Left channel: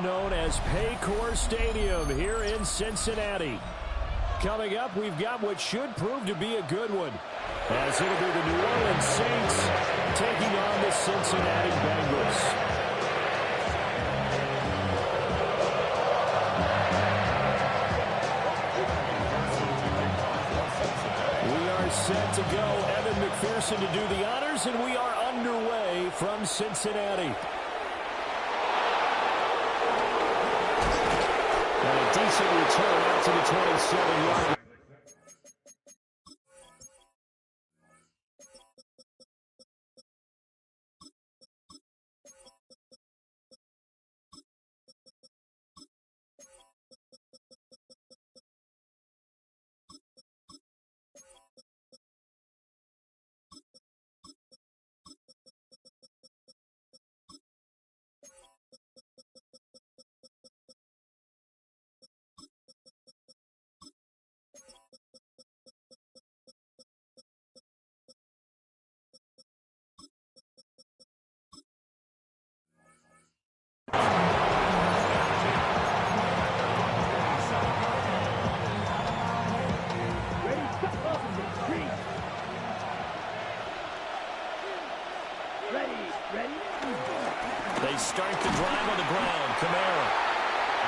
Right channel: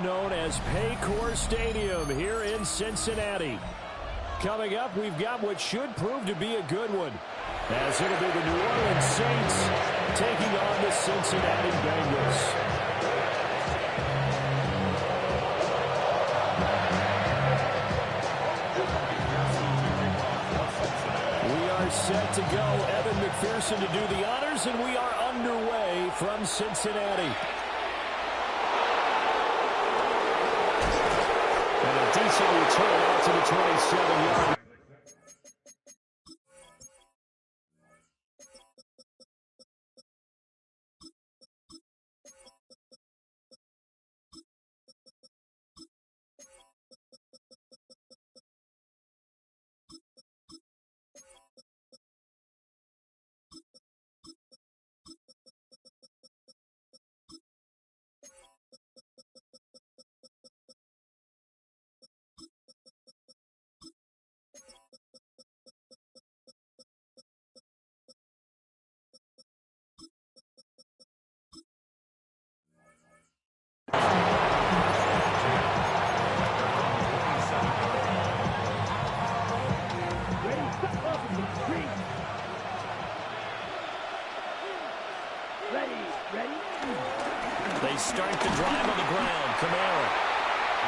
known as Paycor Stadium here in Cincinnati. Coming up, we've got what should prove to be a good one, as it'll be the New Orleans Saints taking on the Cincinnati Bengals. Set to go. Evan McPherson to do the honors, and we are underway from Cincinnati. And a decent return out to the 27-yard. They start the drive on the ground. Kamara.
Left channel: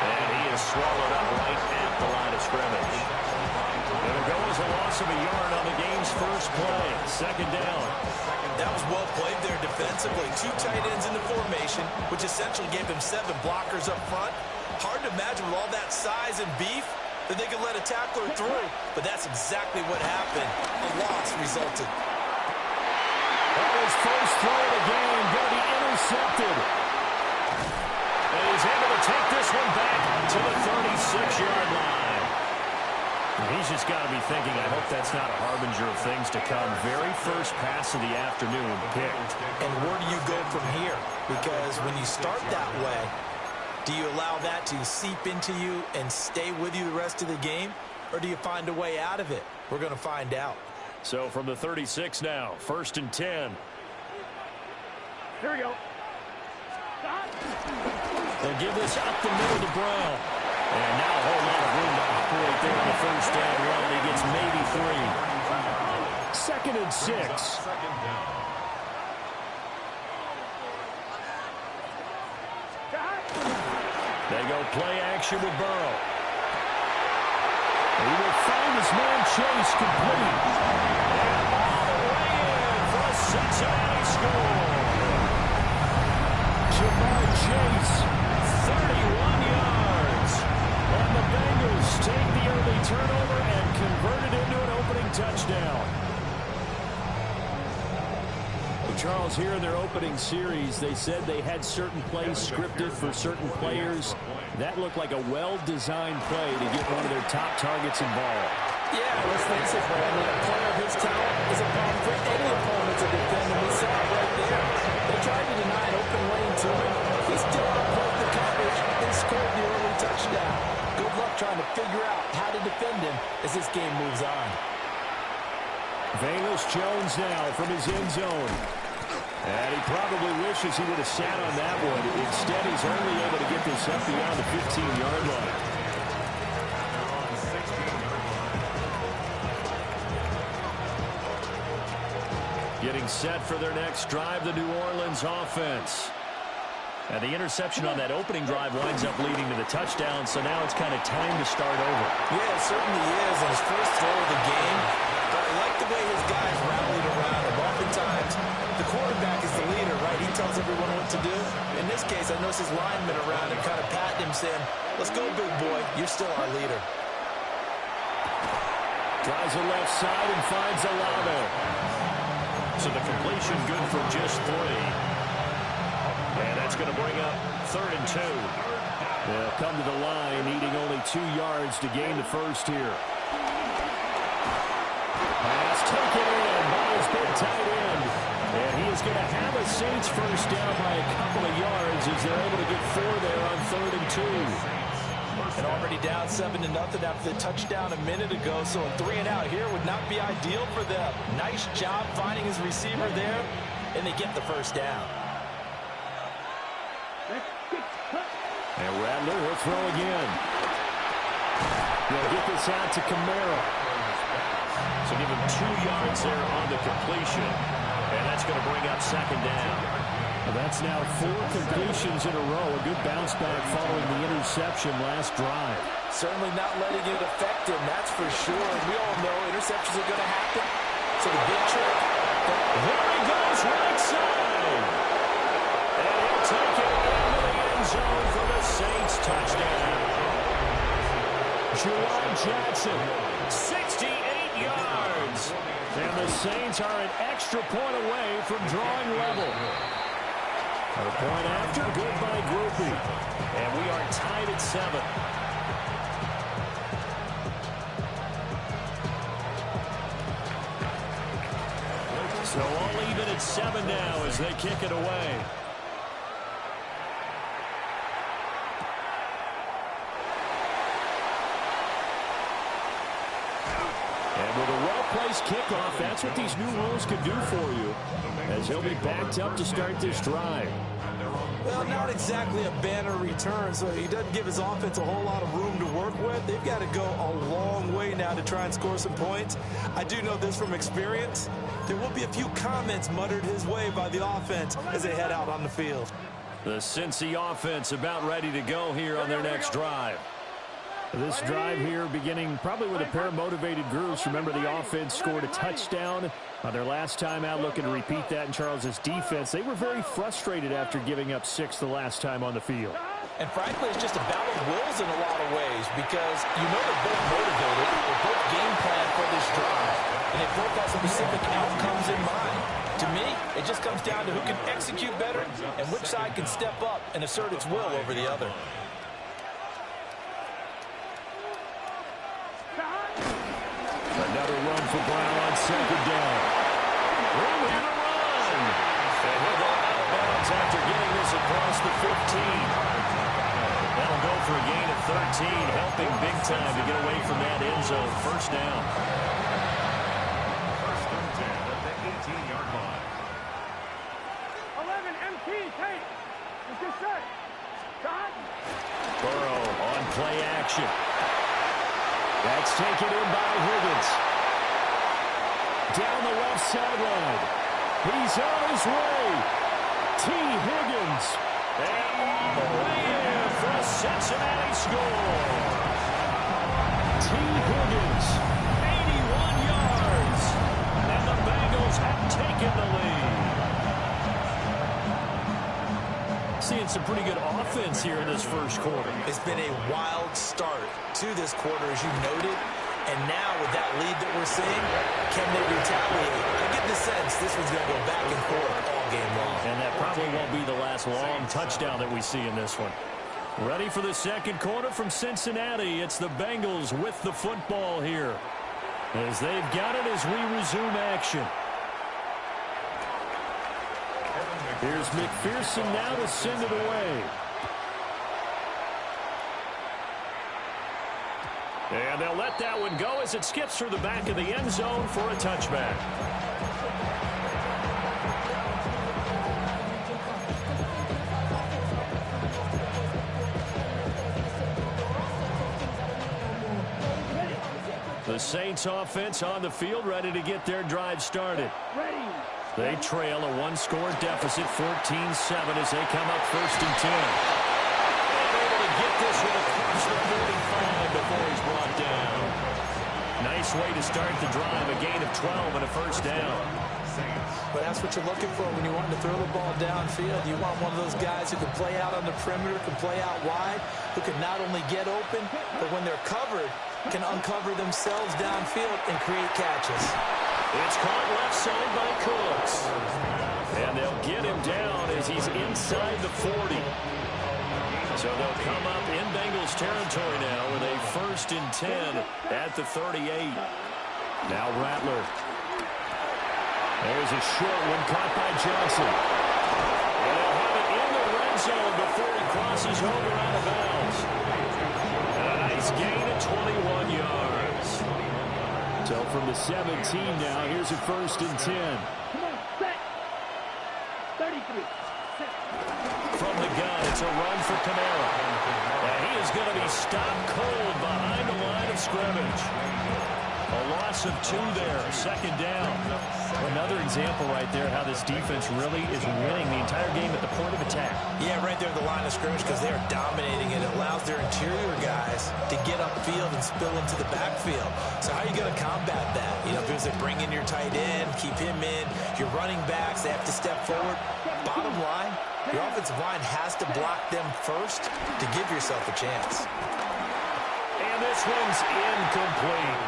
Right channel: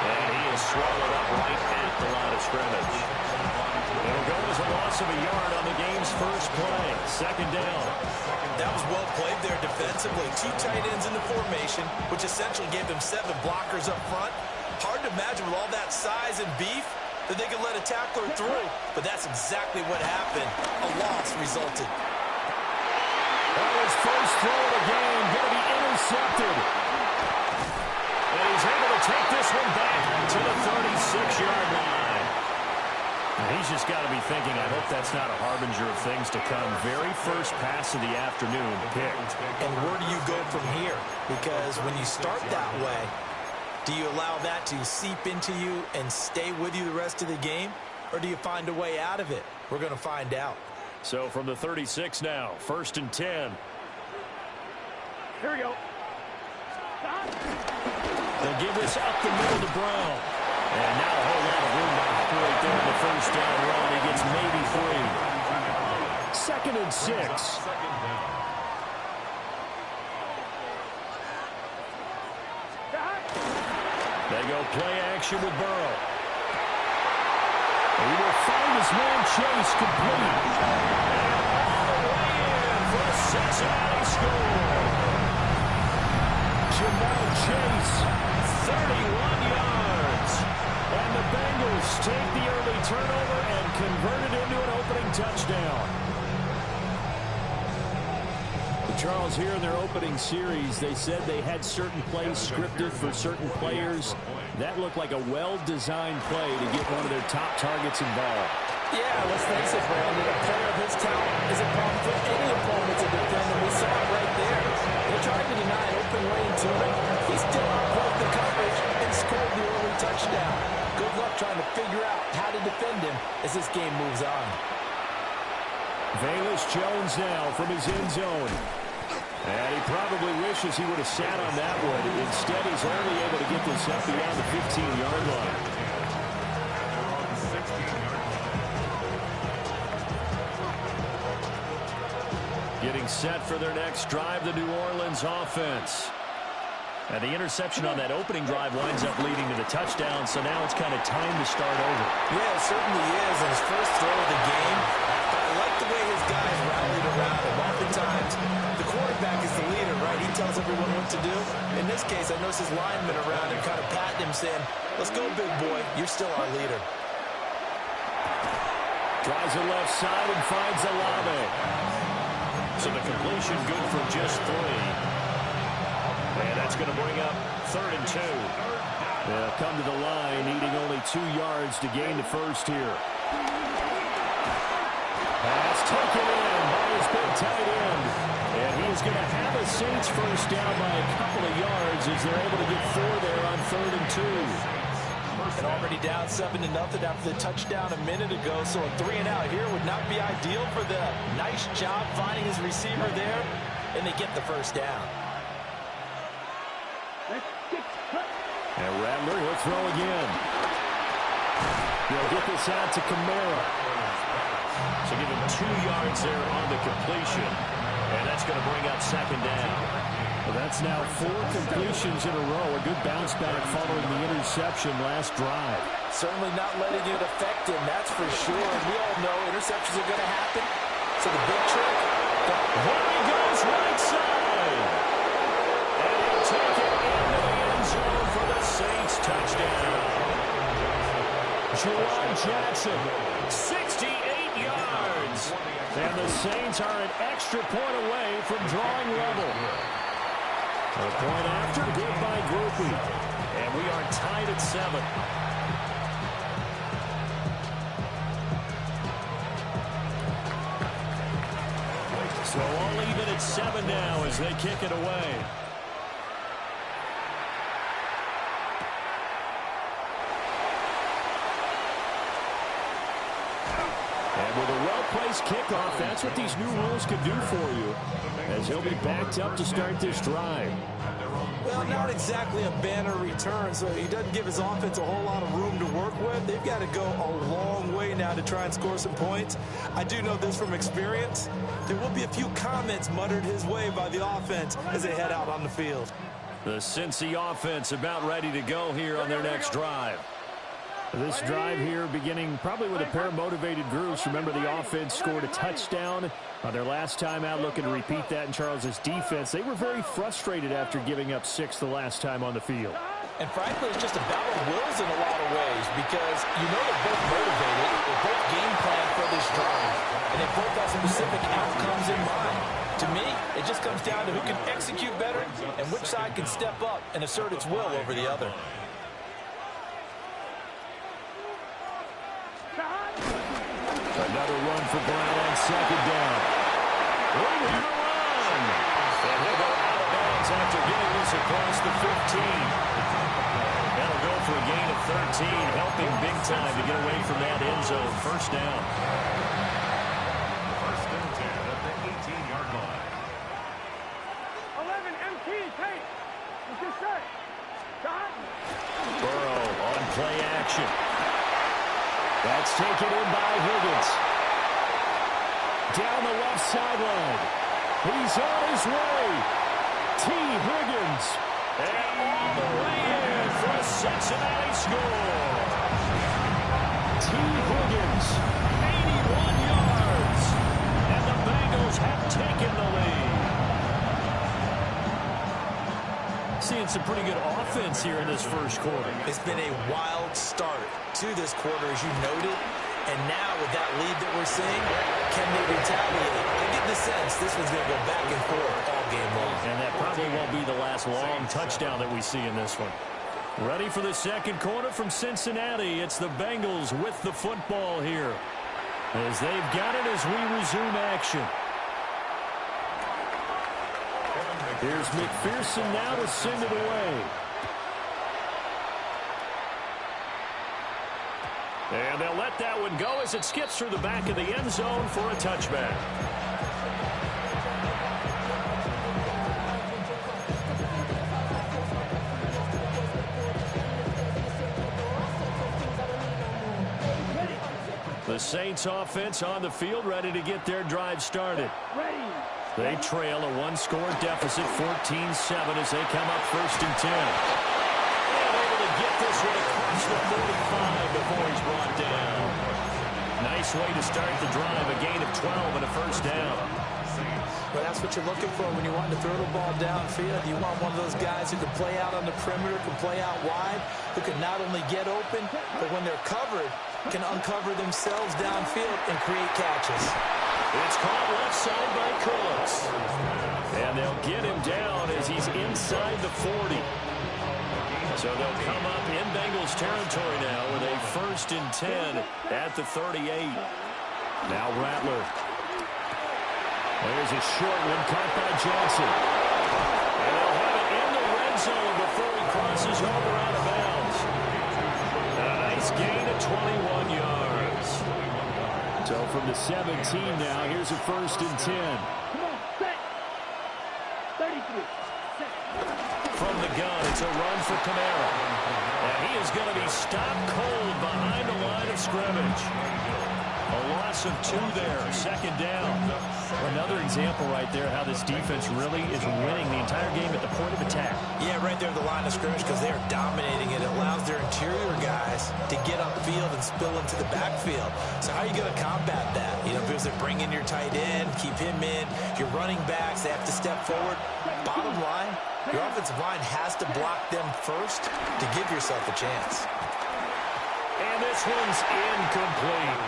And he is swallowed up right at the line of scrimmage. It'll go as a loss of a yard on the game's first play. Second down. That was well played there defensively. 2 tight ends in the formation, which essentially gave them 7 blockers up front. Hard to imagine with all that size and beef that they could let a tackler through. But that's exactly what happened. A loss resulted. Oh, his first throw of the game going to be intercepted. And he's able to take this one back to the 36-yard line. He's just got to be thinking, I hope that's not a harbinger of things to come. Very first pass of the afternoon picked. And where do you go from here? Because when you start that way, do you allow that to seep into you and stay with you the rest of the game? Or do you find a way out of it? We're going to find out. So from the 36 now, 1st and 10. Here we go. They'll give this up the middle to Brown. And now a whole lot of room to operate there in the first down run. He gets maybe 3. 2nd and 6. They go play action with Burrow. He will find his man Chase complete. And all the way in for a Cincinnati score. Jamal Chase, 31 yards. And the Bengals take the early turnover and convert it into an opening touchdown. Charles, here in their opening series, they said they had certain plays scripted for certain players. That looked like a well-designed play to get one of their top targets involved. Yeah, let's face it, Brandon. A player of his talent is a problem for any opponent to defend, and we saw it right there. They tried to deny an open lane to him. He still outplayed the coverage and scored the early touchdown. Good luck trying to figure out how to defend him as this game moves on. Velus Jones now from his end zone. And he probably wishes he would have sat on that one. Instead, he's only able to get this up beyond the 15-yard line. Getting set for their next drive, the New Orleans offense. And the interception on that opening drive winds up leading to the touchdown, so now it's kind of time to start over. Yeah, it certainly is, and his first throw of the game. But I like the way his guys rallied around him. Oftentimes, the quarterback is the leader, right? He tells everyone what to do. In this case, I noticed his linemen around him kind of patting him, saying, let's go, big boy. You're still our leader. Tries the left side and finds Olave. So the completion good for just 3. And that's going to bring up 3rd and 2. They'll come to the line, needing only 2 yards to gain the first here. Pass taken in by his big tight end. And he is going to have a Saints first down by a couple of yards as they're able to get 4 there on 3rd and 2. And already down 7-0 after the touchdown a minute ago. So a 3-and-out here would not be ideal for them. Nice job finding his receiver there. And they get the first down. And Rattler, he'll throw again. He'll get this out to Kamara. So give him 2 yards there on the completion. And that's going to bring up second down. Well, that's now 4 completions in a row. A good bounce back following the interception last drive. Certainly not letting it affect him, that's for sure. And we all know interceptions are going to happen. So the big trick. There he goes, right side. And he'll take it into the end zone for the Saints touchdown. Juwan Jackson, 68 yards. And the Saints are an extra point away from drawing level. A point after, good by Groupie. And we are tied at 7. So all even at 7 now as they kick it away. And with a well-placed kickoff, that's what these new rules can do for you, as he'll be backed up to start this drive. Well, not exactly a banner return, so he doesn't give his offense a whole lot of room to work with. They've got to go a long way now to try and score some points. I do know this from experience. There will be a few comments muttered his way by the offense as they head out on the field. The Cincy offense about ready to go here on their next drive. This drive here beginning probably with a pair of motivated groups. Remember, the offense scored a touchdown on their last time out, looking to repeat that in Charles's defense. They were very frustrated after giving up 6 the last time on the field. And frankly, it's just a battle of wills in a lot of ways because you know they're both motivated. They're both game planned for this drive, and they both have specific outcomes in mind. To me, it just comes down to who can execute better and which side can step up and assert its will over the other. Another run for Brown on second down. Room here to run. And he'll go out of bounds after getting this across the 15. That'll go for a gain of 13, helping big time to get away from that end zone. First down. First and 10 at the 18-yard line. 11 MT tape. What's this say? Shot. Burrow on play action. That's taken in by Higgins. Down the left sideline. He's on his way. T. Higgins. And all the way in for a Cincinnati score. T. Higgins, 81 yards. And the Bengals have taken the lead. Seeing some pretty good offense here in this first quarter. It's been a wild start to this quarter, as you noted. And now with that lead that we're seeing, can they retaliate? I get the sense this one's going to go back and forth all game long. And that probably won't be the last long touchdown that we see in this one. Ready for the second quarter from Cincinnati. It's the Bengals with the football here, as they've got it as we resume action. Here's McPherson now to send it away. And they'll let that one go as it skips through the back of the end zone for a touchback. The Saints offense on the field, ready to get their drive started. They trail a one-score deficit, 14-7, as they come up first and 10. And able to get this one across the 45 before he's brought down. Nice way to start the drive, a gain of 12 and a first down. But that's what you're looking for when you want to throw the ball downfield. You want one of those guys who can play out on the perimeter, can play out wide, who can not only get open, but when they're covered, can uncover themselves downfield and create catches. It's caught left side by Cooks. And they'll get him down as he's inside the 40. So they'll come up in Bengals territory now with a first and 10 at the 38. Now Rattler. There's a short one caught by Johnson. And they'll have it in the red zone before he crosses over out of bounds. And a nice gain of 21 yards. So from the 17 now, here's a first and 10. Come on, set. 33. Set. From the gun. It's a run for Kamara. And he is going to be stopped cold behind the line of scrimmage. A loss of 2 there, 2nd down. Another example right there how this defense really is winning the entire game at the point of attack. Yeah, right there at the line of scrimmage because they are dominating it. It allows their interior guys to get upfield and spill into the backfield. So how are you going to combat that? You know, because they bring in your tight end, keep him in. Your running backs, they have to step forward. Bottom line, your offensive line has to block them first to give yourself a chance. And this one's incomplete.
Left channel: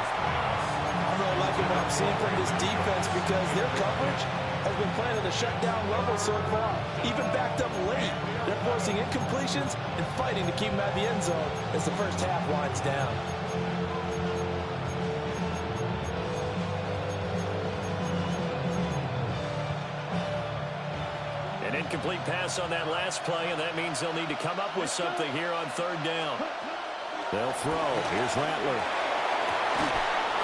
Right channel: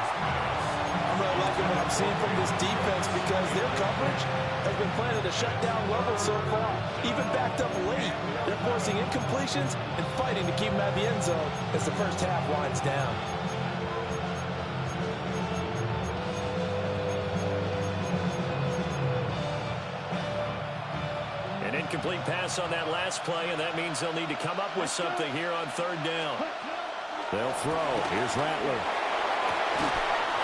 I'm really liking what I'm seeing from this defense because their coverage has been playing at a shutdown level so far. Even backed up late, they're forcing incompletions and fighting to keep them at the end zone as the first half winds down. An incomplete pass on that last play, and that means they'll need to come up with something here on 3rd down. They'll throw. Here's Rattler.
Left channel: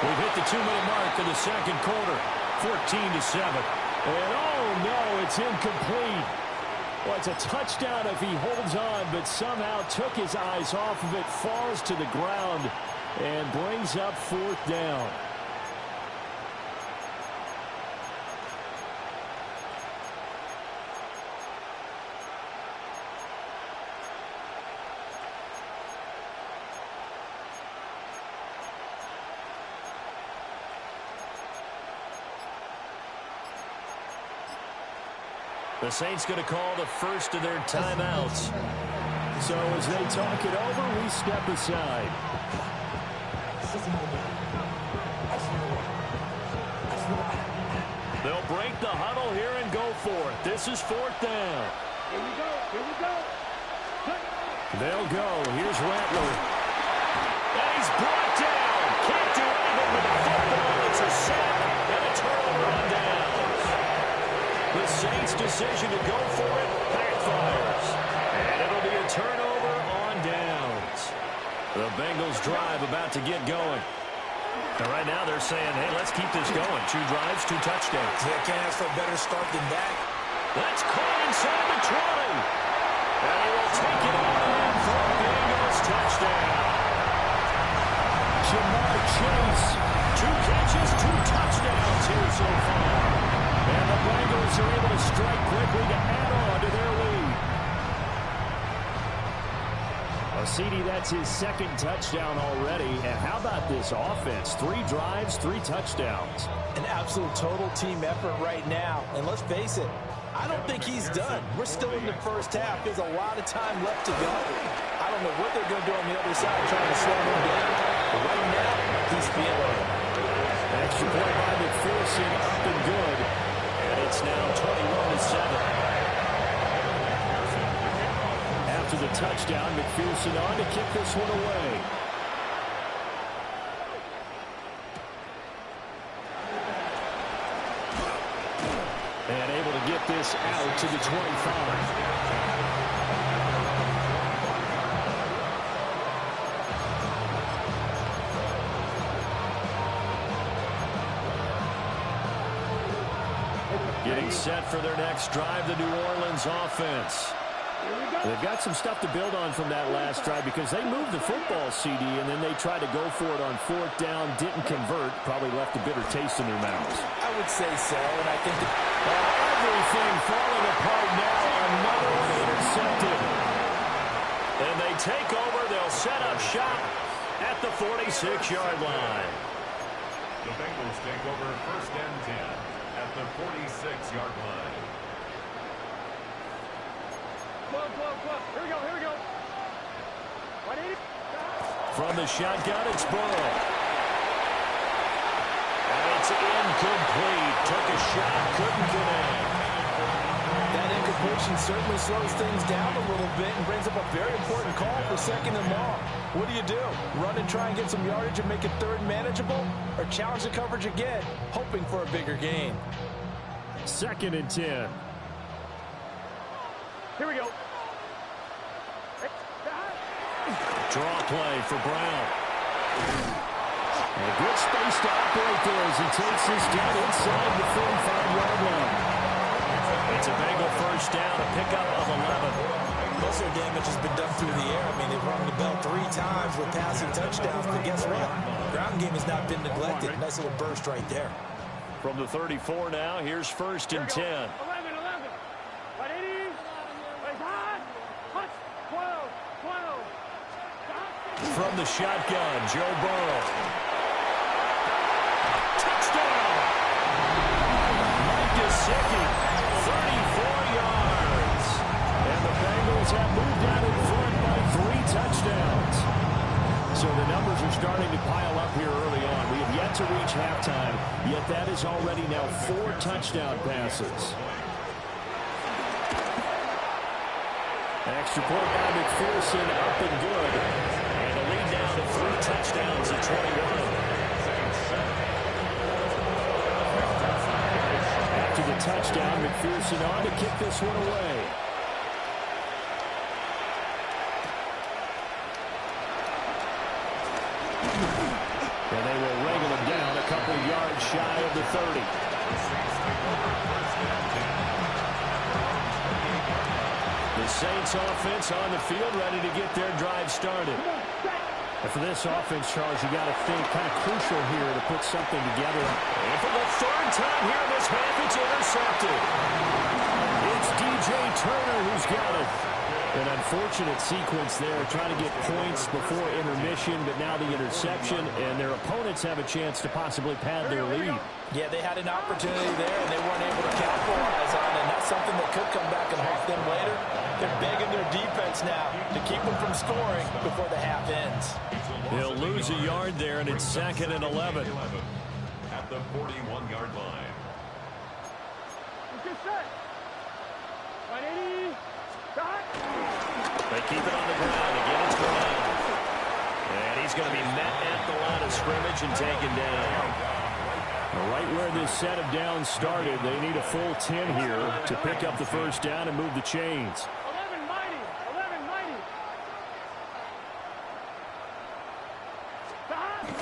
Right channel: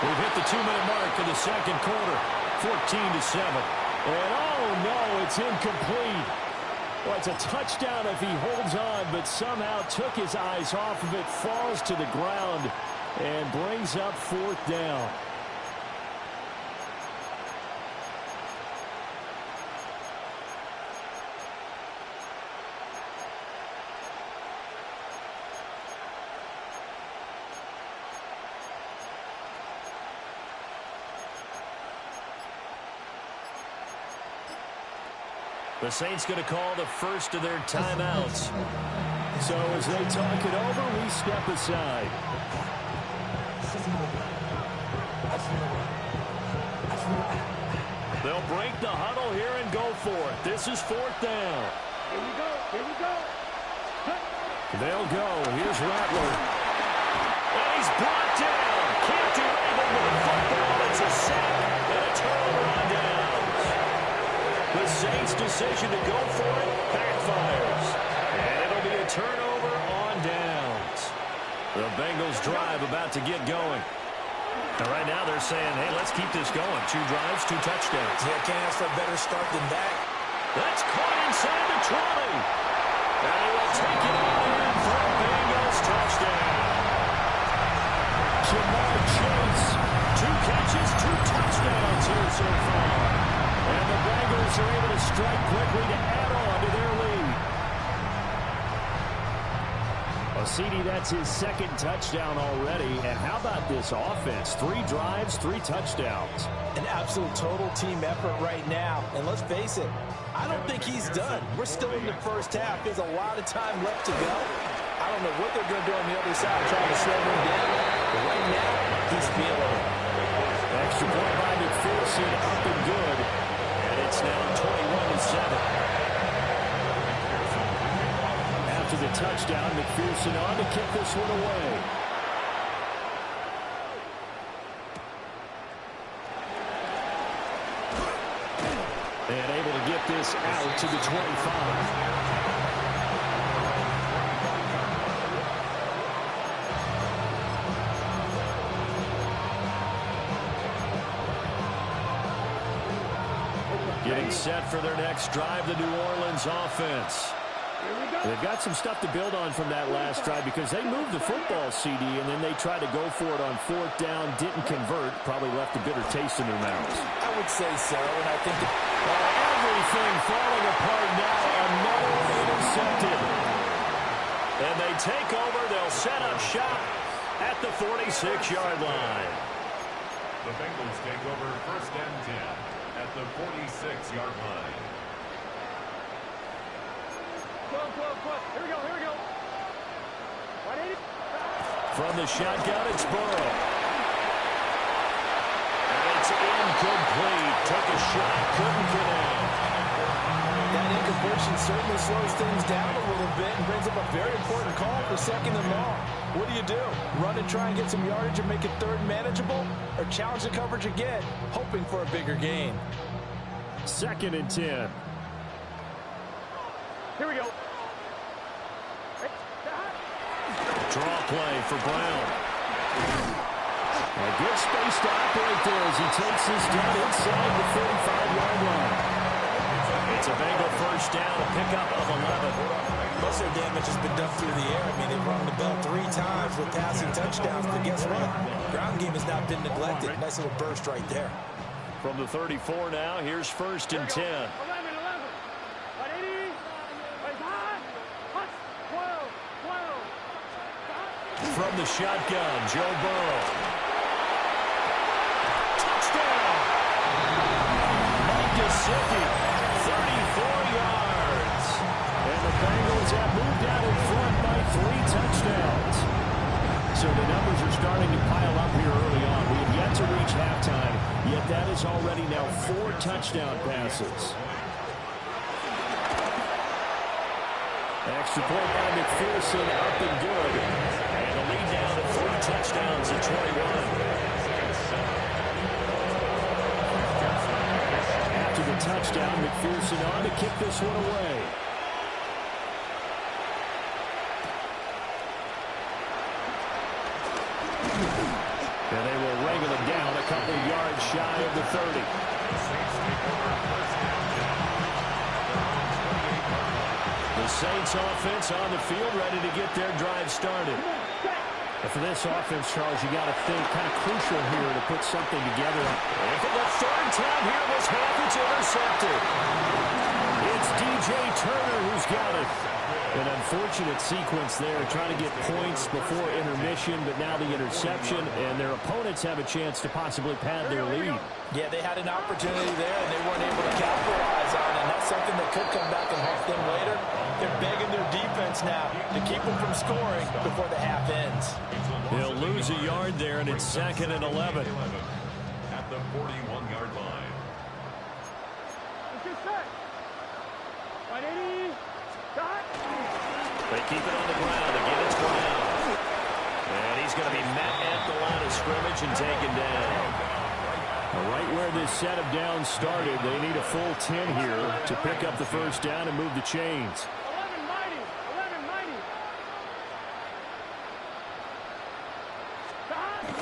We've hit the 2-minute mark of the 2nd quarter. 14-7. And oh no, it's incomplete. Well, it's a touchdown if he holds on, but somehow took his eyes off of it, falls to the ground, and brings up 4th down. The Saints going to call the first of their timeouts. So as they talk it over, we step aside. They'll break the huddle here and go for it. This is 4th down. Here we go. Here we go. They'll go. Here's Rattler. And he's brought down. Can't do anything with the football. It's a sack and a turnover on downs. The Saints' decision to go for it backfires. And it'll be a turnover on downs. The Bengals drive about to get going. And right now they're saying, hey, let's keep this going. 2 drives, 2 touchdowns. Yeah, can't ask for a better start than that. That's caught inside the 20. And he will take it on in for a Bengals touchdown. Jamar Chase, 2 catches, 2 touchdowns here so far. And the Bengals are able to strike quickly to add on to their lead. Well, CD, that's his 2nd touchdown already. And how about this offense? 3 drives, 3 touchdowns. An absolute total team effort right now. And let's face it, I don't think he's done. We're still in the first half. There's a lot of time left to go. I don't know what they're going to do on the other side trying to slow him down. But right now, he's feeling it. Extra point by McPherson, up and good. And it's now 21-7. After the touchdown, McPherson on to kick this one away. And able to get this out to the 25. Getting set for their next drive, the New Orleans offense. They've got some stuff to build on from that last drive because they moved the football, CD, and then they tried to go for it on 4th down, didn't convert, probably left a bitter taste in their mouths. I would say so, and I think everything falling apart now. Another one intercepted. And they take over. They'll set up shop at the 46-yard line. The Bengals take over 1st and 10 at the 46-yard line. Here we go, here we go. 180. From the shotgun, it's Burrow. And it's incomplete. Took a shot, couldn't connect. that incompletion certainly slows things down a little bit and brings up a very important call for 2nd and long. What do? Run and try and get some yardage and make it 3rd manageable, or challenge the coverage again, hoping for a bigger gain? 2nd and 10. Here we go. Draw play for Brown. And good space to operate there as he takes this down inside the 45-yard line. It's a Bengal first down, a pickup of 11. Most of their damage has been done through the air. I mean, they've rung the bell 3 times with passing touchdowns, but guess what? Ground game has not been neglected. Nice little burst right there. From the 34 now, here's first and 10. 11, 180. Hot. 12. From the shotgun, Joe Burrow. Touchdown! Mike Gesicki, 34 yards. And the Bengals have moved out in front by 3 touchdowns. So the numbers are starting to pile up here early on. We have yet to reach halftime, yet that is already now 4 touchdown passes. Extra point by McPherson, up and good. And the lead down to 3 touchdowns at 21. After the touchdown, McPherson on to kick this one away. And they will wrangle him down a couple yards shy of the 30. The Saints offense on the field, ready to get their drive started. And for this offense, Charles, you got to think kind of crucial here to put something together. And for the 3rd time here in this half, it's intercepted. It's DJ Turner who's got it. An unfortunate sequence there, trying to get points before intermission, but now the interception, and their opponents have a chance to possibly pad their lead. Yeah, they had an opportunity there, and they weren't able to capitalize on it, and that's something that could come back and haunt them later. They're begging their defense now to keep them from scoring before the half ends. They'll lose a yard there, and it's 2nd and 11. At the 41-yard line. It's good set. 180. They keep it on the ground. Again, it's Brown. And he's going to be met at the line of scrimmage and taken down. Right where this set of downs started, they need a full 10 here to pick up the first down and move the chains. 11 mighty.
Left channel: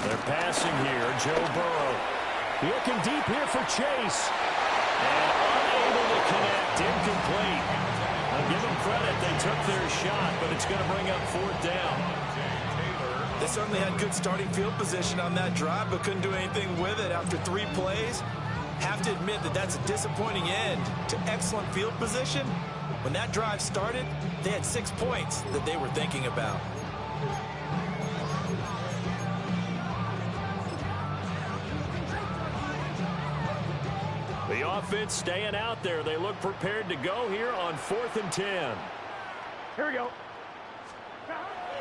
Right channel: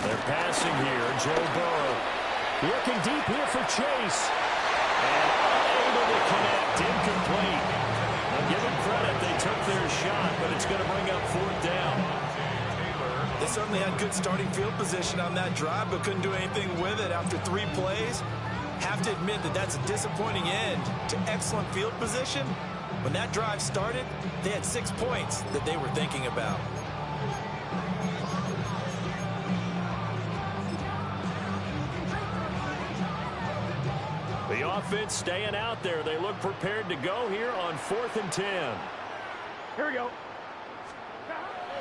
They're passing here. Joe Burrow looking deep here for Chase. And unable to connect. Incomplete. I'll give them credit. They took their shot, but it's going to bring up 4th down. They certainly had good starting field position on that drive, but couldn't do anything with it after 3 plays. Have to admit that that's a disappointing end to excellent field position. When that drive started, they had 6 points that they were thinking about. The offense staying out there. They look prepared to go here on 4th and 10. Here we go.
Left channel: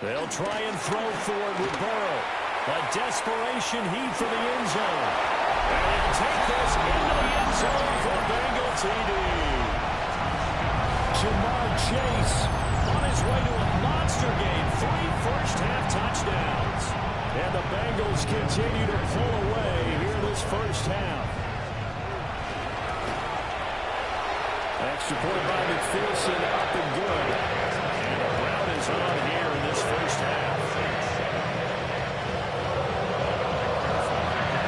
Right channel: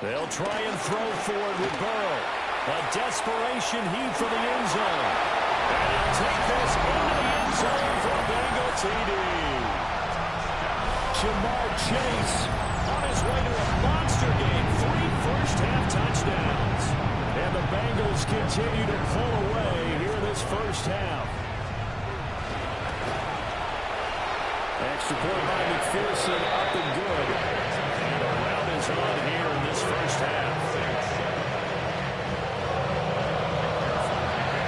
They'll try and throw forward with Burrow. A desperation heave for the end zone. And he'll take this into the end zone for a Bengal TD. Jamar Chase on his way to a monster game. 3 first-half touchdowns. And the Bengals continue to pull away here this first half. Extra point by McPherson, up and good. And a rout is on here in this first half.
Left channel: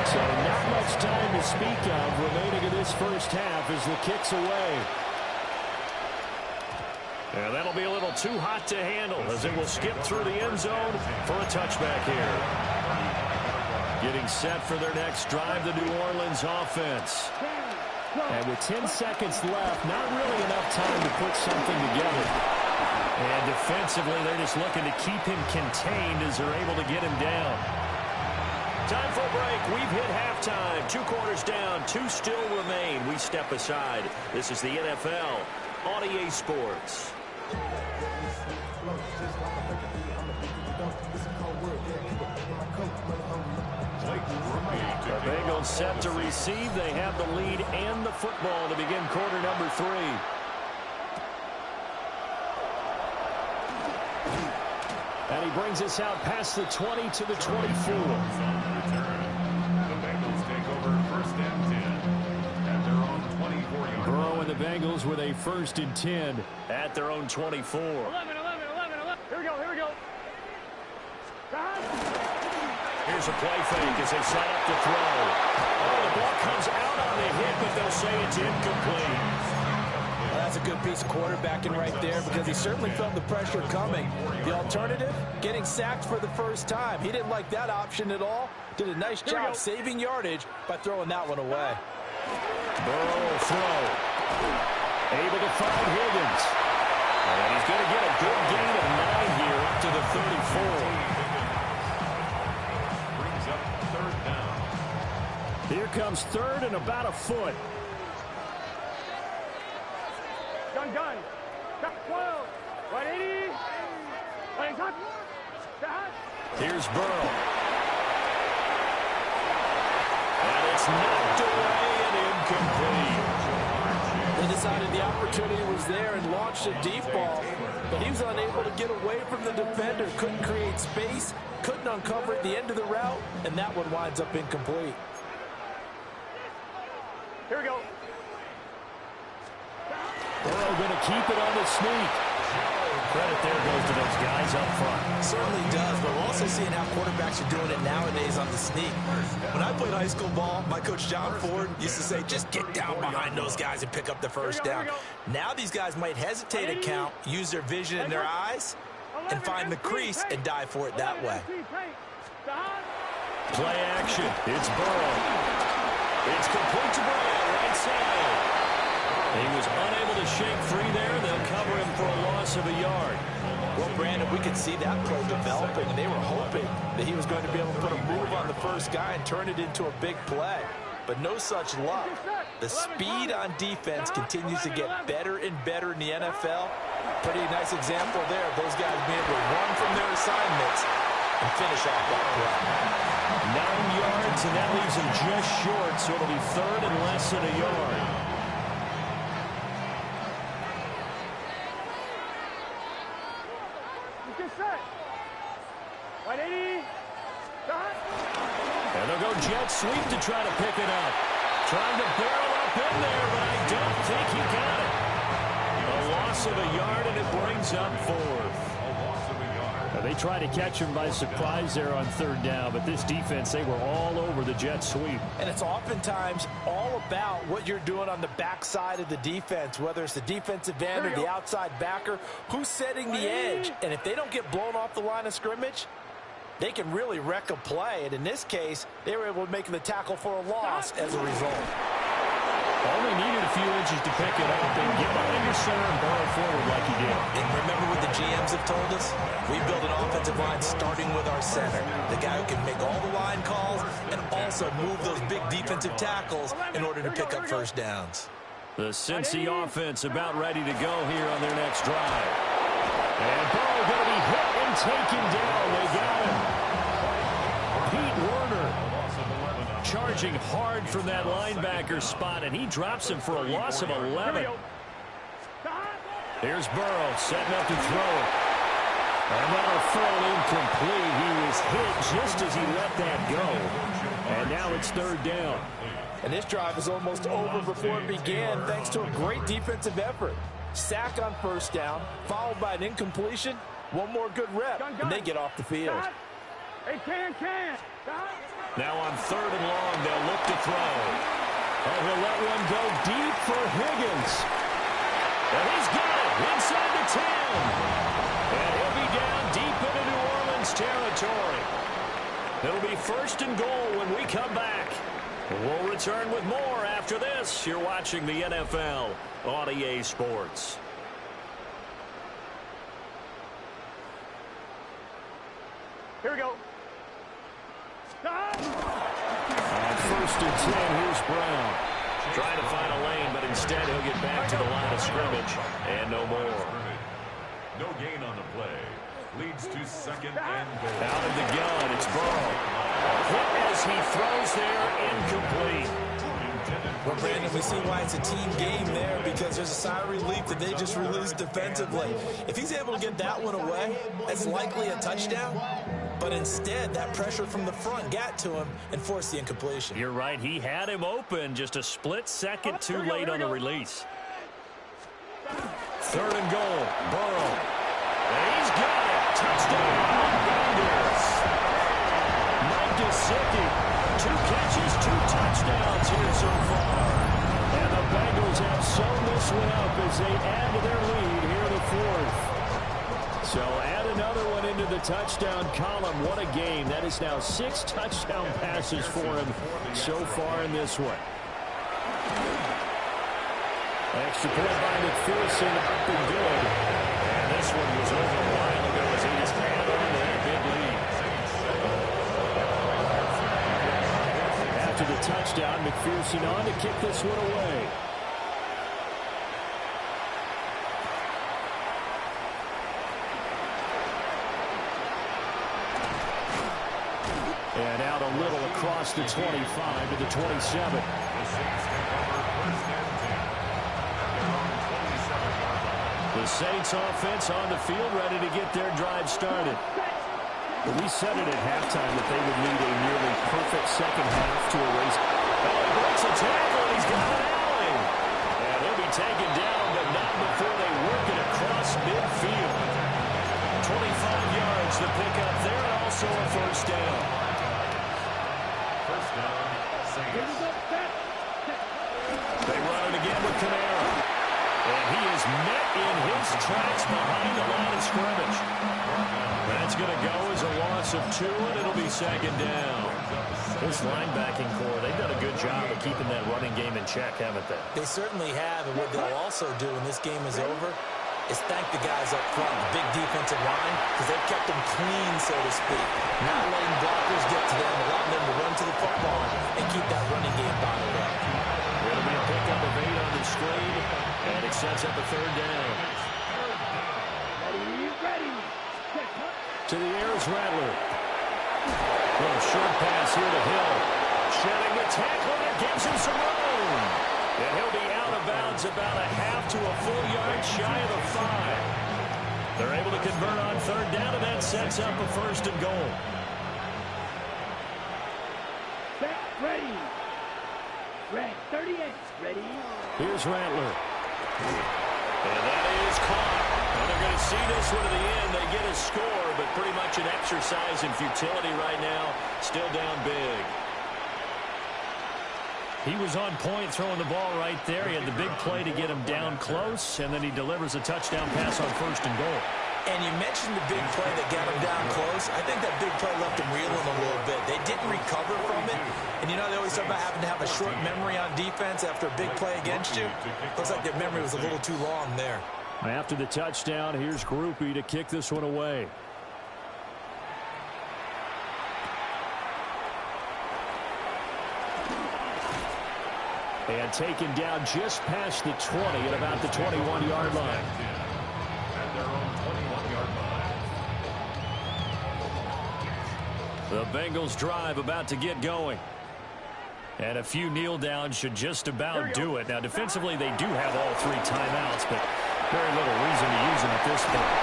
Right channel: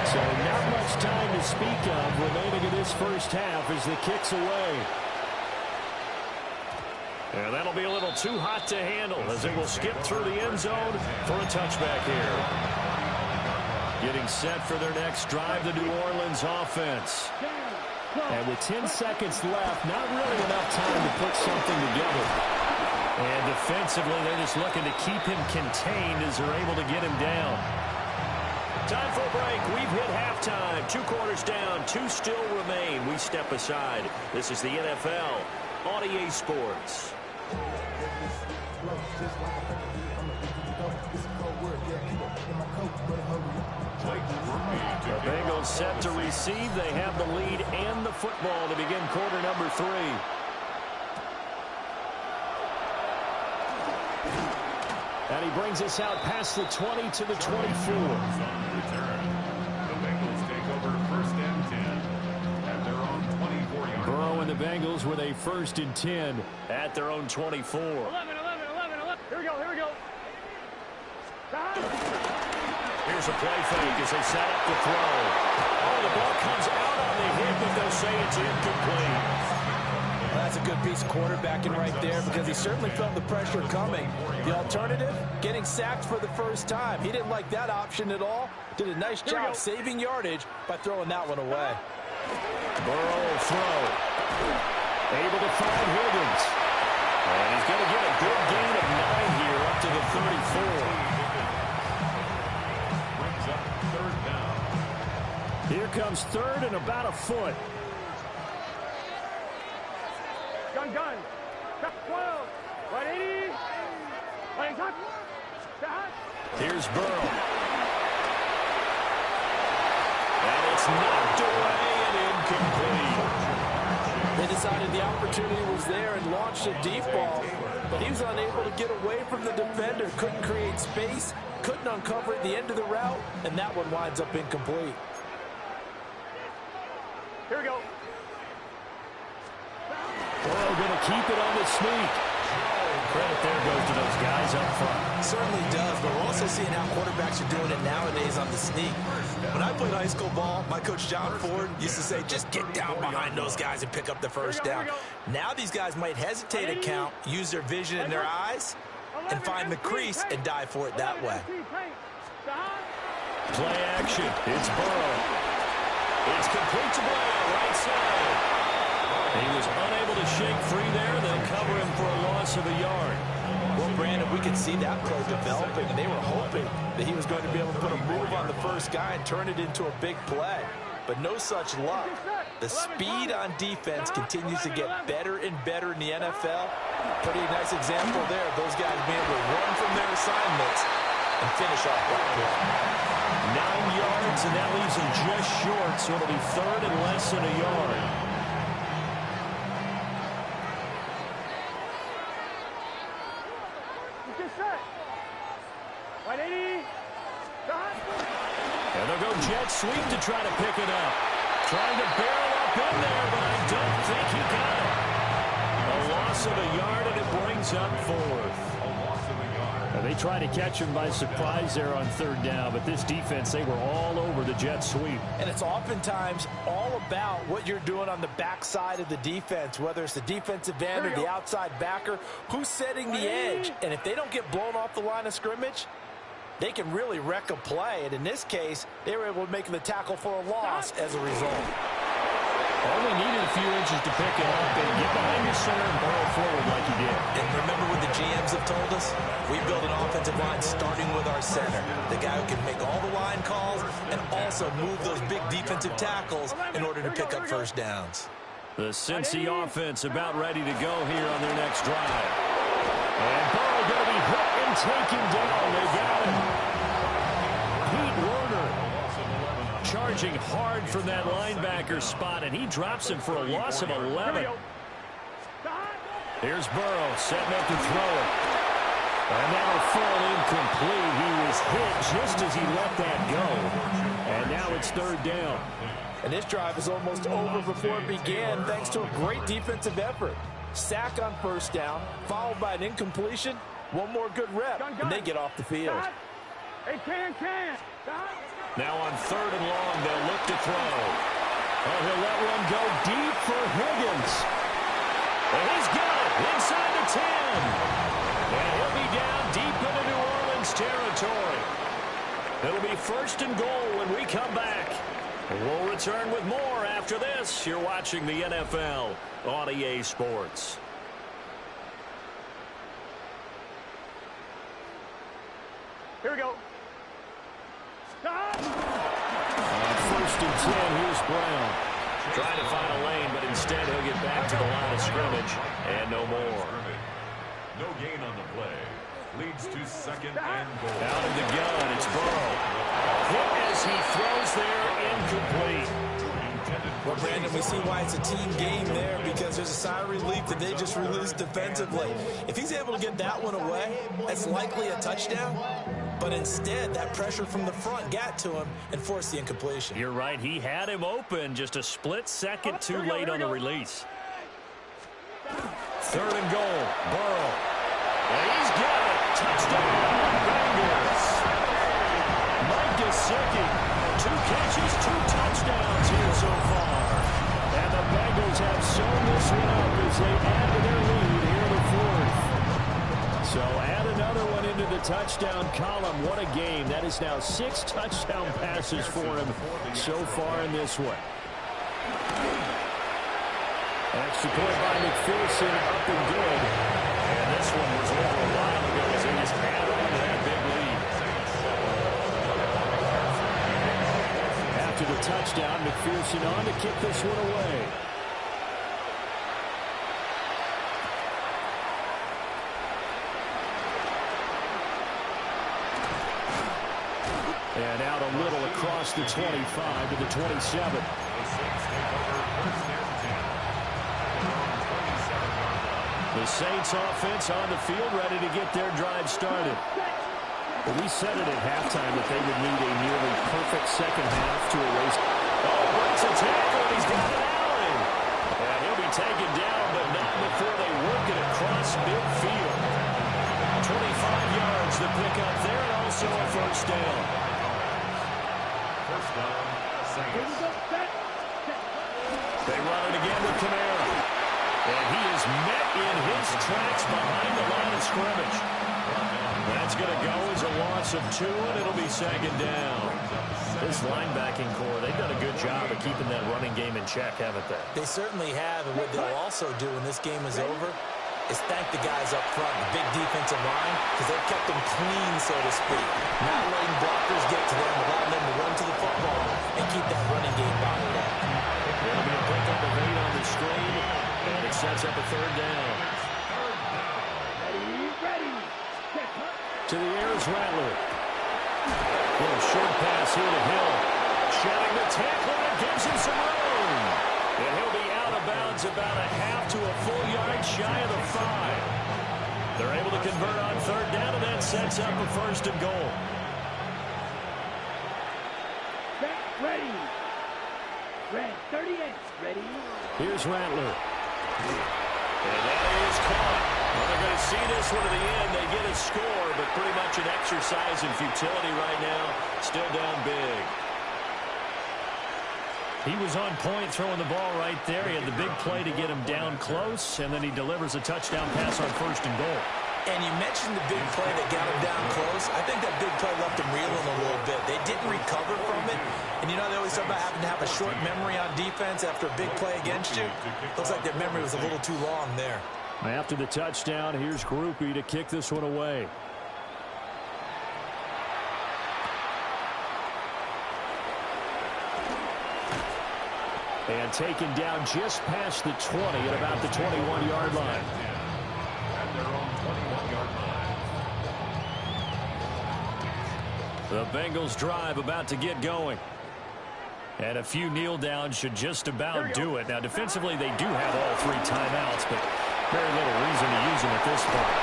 So not much time to speak of remaining in this first half as the kick's away. And that'll be a little too hot to handle as it will skip through the end zone for a touchback here. Getting set for their next drive, the New Orleans offense. And with 10 seconds left, not really enough time to put something together. And defensively, they're just looking to keep him contained as they're able to get him down. Time for a break. We've hit halftime. 2 quarters down, 2 still remain. We step aside. This is the NFL on EA Sports. The Bengals set to receive. They have the lead and the football to begin quarter number 3. And he brings us out past the 20 to the 24. The Bengals take over 1st and 10 at their own 24-yard line. Burrow and the Bengals with a 1st and 10 at their own 24. 11. Here we go. Here's a play fake as they set up the throw. Oh, the ball comes out on the hit, but they'll say it's incomplete. Well, that's a good piece of quarterbacking right there because he certainly felt the pressure coming. The alternative, getting sacked for the first time. He didn't like that option at all. Did a nice job saving yardage by throwing that one away. Burrow will throw. Able to find Higgins. And he's going to get a good gain of 9 here up to the 34. Brings up third down. Here comes third and about a foot. Gun. Step 12. 180. Playing touch. Here's Burrow. And it's knocked away and incomplete. They decided the opportunity was there and launched a deep ball, but he was unable to get away from the defender, couldn't create space, couldn't uncover at the end of the route, and that one winds up incomplete. Here we go. Burrow going to keep it on the sneak. Credit there goes to those guys up front. Certainly does, but we're also seeing how quarterbacks are doing it nowadays on the sneak. When I played high school ball, my coach John Ford used to say, just get down behind those guys and pick up the first down. Now these guys might hesitate a count, use their vision in their eyes, and find the crease and dive for it that way. Play action. It's Burrow. It's complete to Brown, right side. He was unable to shake free there. They'll cover him for a loss of a yard. Well, Brandon, we could see that play developing, and they were hoping that he was going to be able to put a move on the first guy and turn it into a big play. But no such luck. The speed on defense continues to get better and better in the NFL. Pretty nice example there of those guys being able to run from their assignments and finish off that play. 9 yards, and that leaves him just short, so it'll be third and less than a yard. And they'll go jet sweep to try to pick it up. Trying to barrel up in there, but I don't think he got it. A loss of a yard, and it brings up fourth. A loss of a yard. Now, they tried to catch him by surprise there on third down, but this defense, they were all over the jet sweep. And it's oftentimes all about what you're doing on the backside of the defense, whether it's the defensive end or the outside backer, who's setting the edge. And if they don't get blown off the line of scrimmage, they can really wreck a play. And in this case, they were able to make the tackle for a loss as a result. Only needed a few inches to pick it up and get behind your center and burrow forward like he did. And remember what the GMs have told us? We build an offensive line starting with our center, the guy who can make all the line calls and also move those big defensive tackles in order to pick up first downs. The Cincy offense about ready to go here on their next drive. And Burrow going to be hit and taken down. They got him. Pete Werner charging hard from that linebacker spot, and he drops him for a loss of 11. Here's Burrow setting up to throw it. And that'll fall incomplete. He was hit just as he let that go. And now it's third down. And this drive is almost over before it began thanks to a great defensive effort. Sack on first down, followed by an incompletion. One more good rep, and they get off the field. Now on third and long, they'll look to throw. Oh, he'll let one go deep for Higgins. And he's got it inside the 10. And he'll be down deep into New Orleans territory. It'll be first and goal when we come back. We'll return with more after this. You're watching the NFL on EA Sports. Here we go. On first and 10, here's Brown. Trying to find a lane, but instead he'll get back to the line of scrimmage. And no more. No gain on the play. Leads to second and goal. Out of the gun, it's Burrow. Hit as he throws there, incomplete. Well, Brandon, we see why it's a team game there because there's a sigh of relief that they just released defensively. If he's able to get that one away, that's likely a touchdown. But instead, that pressure from the front got to him and forced the incompletion. You're right. He had him open, just a split second too late on the release. Third and goal, Burrow. And he's got it. Touchdown, Bengals. Mike Gesicki, 2 catches, 2 touchdowns here so far. And the Bengals have sewn this one up as they add to their lead here in the fourth. So add another one into the touchdown column. What a game. That is now 6 touchdown passes for him so far in this one. Extra point by McPherson, up and good. And this one was over a while ago as they just add on to that big lead. After the touchdown, McPherson on to kick this one away. And out a little across the 25 to the 27. The Saints take over first and 10 at their own 27-yard line. The Saints offense on the field, ready to get their drive started. We said it at halftime that they would need a nearly perfect second half to erase. Oh, breaks a tackle, and he's got an alley. And he'll be taken down, but not before they work it across midfield. 25 yards the pickup there, and also a first down. First down, Saints. They run it again with Kamara. And he is met in his tracks behind the line of scrimmage. That's going to go as a loss of 2, and it'll be second down. This linebacking core, they've done a good job of keeping that running game in check, haven't they? They certainly have, and what they'll also do when this game is over is thank the guys up front, the big defensive line, because they've kept them clean, so to speak. Not letting blockers get to them, allowing them to run to the football and keep that running game bottled up. It'll be a pickup of 8 on the screen, and it sets up a third down. Ready. To the air is Rattler. Little short pass here to Hill. Shedding the tackler, and it gives him some room. And he'll be out of bounds about a half to a full yard shy of the 5. They're able to convert on third down, and that sets up a first and goal. Ready. Red 38. Ready. Here's Rattler. And that is caught. Well, they're going to see this one to the end. They get a score, but pretty much an exercise in futility right now. Still down big. He was on point throwing the ball right there. He had the big play to get him down close, and then he delivers a touchdown pass on first and goal. And you mentioned the big play that got him down close. I think that big play left him reeling a little bit. They didn't recover from it. And you know, they always talk about having to have a short memory on defense after a big play against you. Looks like their memory was a little too long there. After the touchdown, here's Groupie to kick this one away. And taken down just past the 20 at about the 21-yard line. At their own 21-yard line. The Bengals drive about to get going. And a few kneel downs should just about do it. Now, defensively, they do have all 3 timeouts, but very little reason to use them at this point.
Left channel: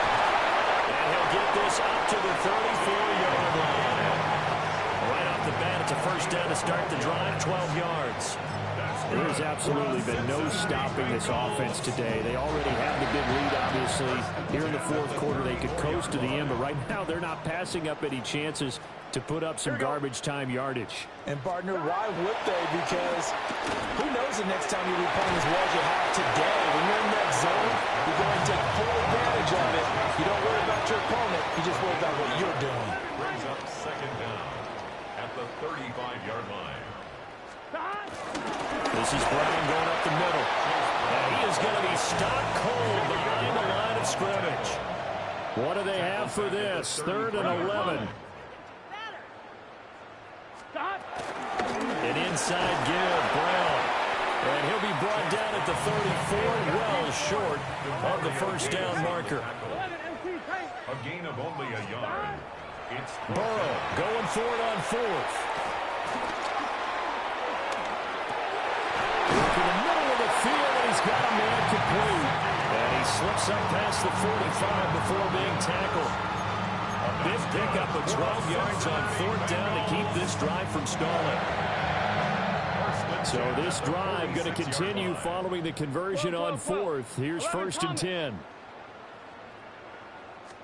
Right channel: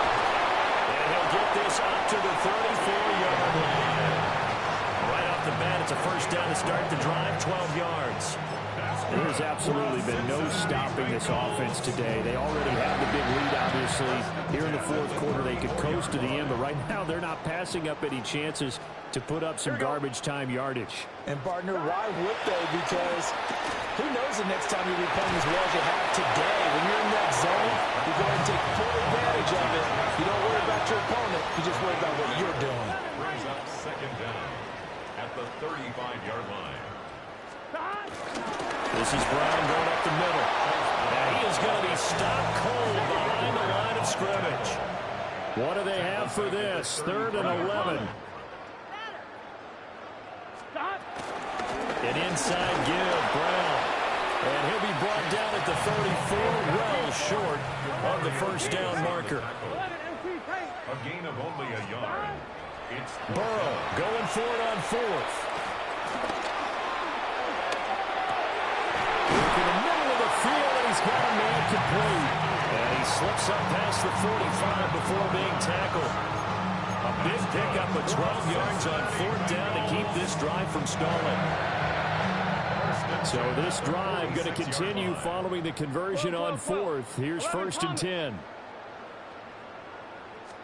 And he'll get this up to the 34-yard line. Right off the bat, it's a first down to start the drive, 12 yards. There's absolutely been no stopping this offense today. They already have the big lead, obviously. Here in the fourth quarter, they could coast to the end, but right now they're not passing up any chances to put up some garbage time yardage. And, partner, why would they? Because who knows the next time you'll be playing as well as you have today. When you're in that zone, you go and take full advantage of it. You don't worry about your opponent. You just worry about what you're doing. Brings up second down at the 35-yard line. This is Brown going up the middle. And he is going to be stopped cold behind the line of scrimmage. What do they have for this? 3rd and 11. An inside give, Brown. And he'll be brought down at the 34, well short of the first down marker. A gain of only a yard. It's Burrow going for it on 4th. In the middle of the field, and he's got a man complete. And he slips up past the 45 before being tackled. A big pickup of 12 yards on 4th down to keep this drive from stalling. So this drive going to continue following the conversion on 4th. Here's 1st and 10.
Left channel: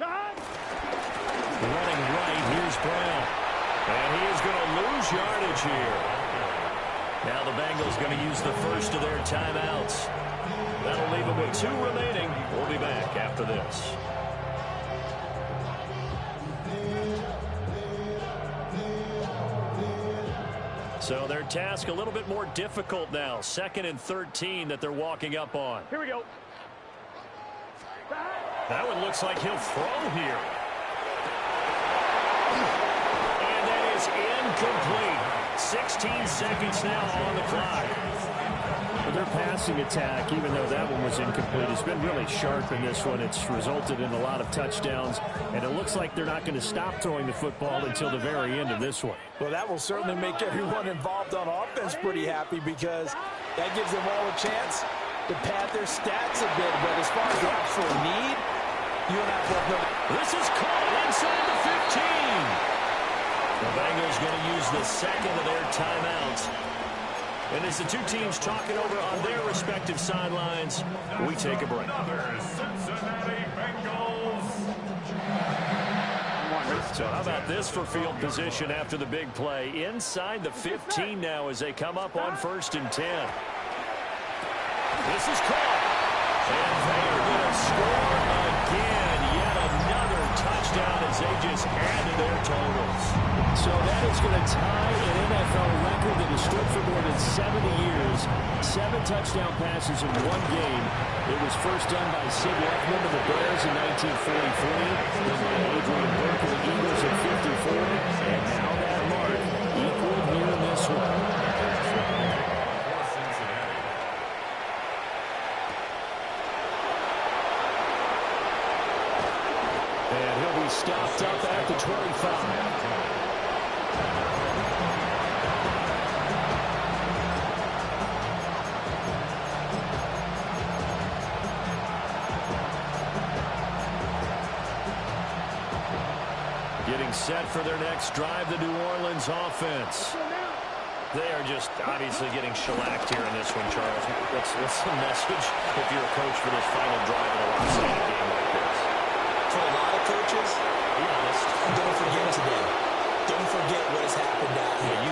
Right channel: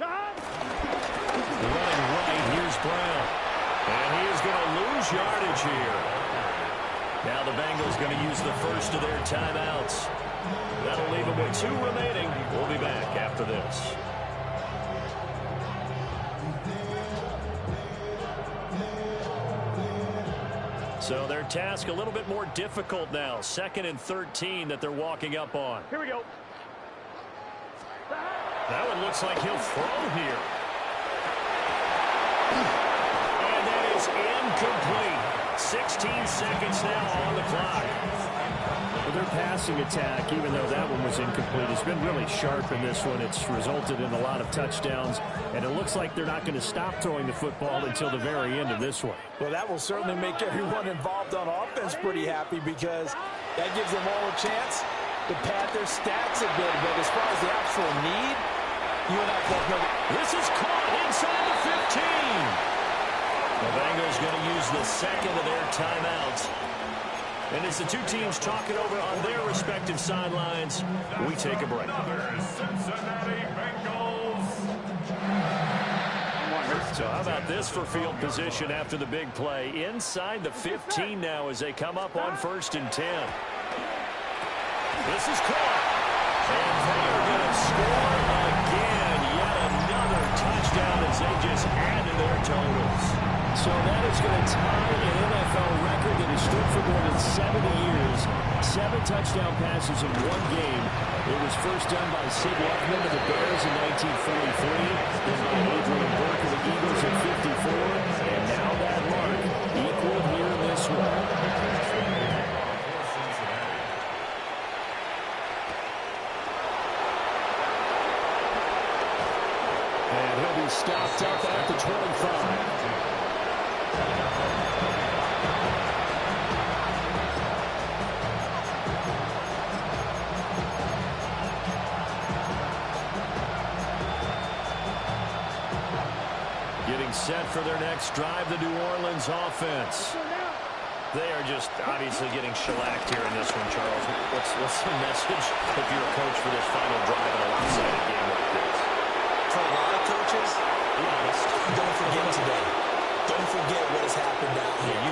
Running right, here's Brown. And he is going to lose yardage here. Now the Bengals going to use the first of their timeouts. That'll leave them with 2 remaining. We'll be back after this. So their task a little bit more difficult now. 2nd and 13 that they're walking up on. Here we go. That one looks like he'll throw here. And that is incomplete. 16 seconds now on the clock. Well, their passing attack, even though that one was incomplete, has been really sharp in this one. It's resulted in a lot of touchdowns, and it looks like they're not going to stop throwing the football until the very end of this one. Well, that will certainly make everyone involved on offense pretty happy because that gives them all a chance to pad their stats a bit. But as far as the actual need, you and I both know that. This is caught inside the 15. The Bengals going to use the 2nd of their timeouts. And as the 2 teams talking over on their respective sidelines, we take a break. Another Cincinnati Bengals. So how about this for field position after the big play? Inside the 15 now as they come up on 1st and 10. This is caught. And they are going to score again. Yet another touchdown as they just add to their totals. So that is going to tie an NFL record that has stood for more than 70 years. 7 touchdown passes in 1 game. It was first done by Sid Luckman of the Bears in 1943, then by Adrian Burke of the Eagles in 54, and now that mark equaled here in this one. And he'll be stopped up at the 25. Getting set for their next drive, the New Orleans offense. They are just obviously getting shellacked here in this one, Charles. What's the message if you're a coach for this final drive in a lopsided game like this? For a lot of coaches, Be honest. don't forget today. Don't forget what has happened out here.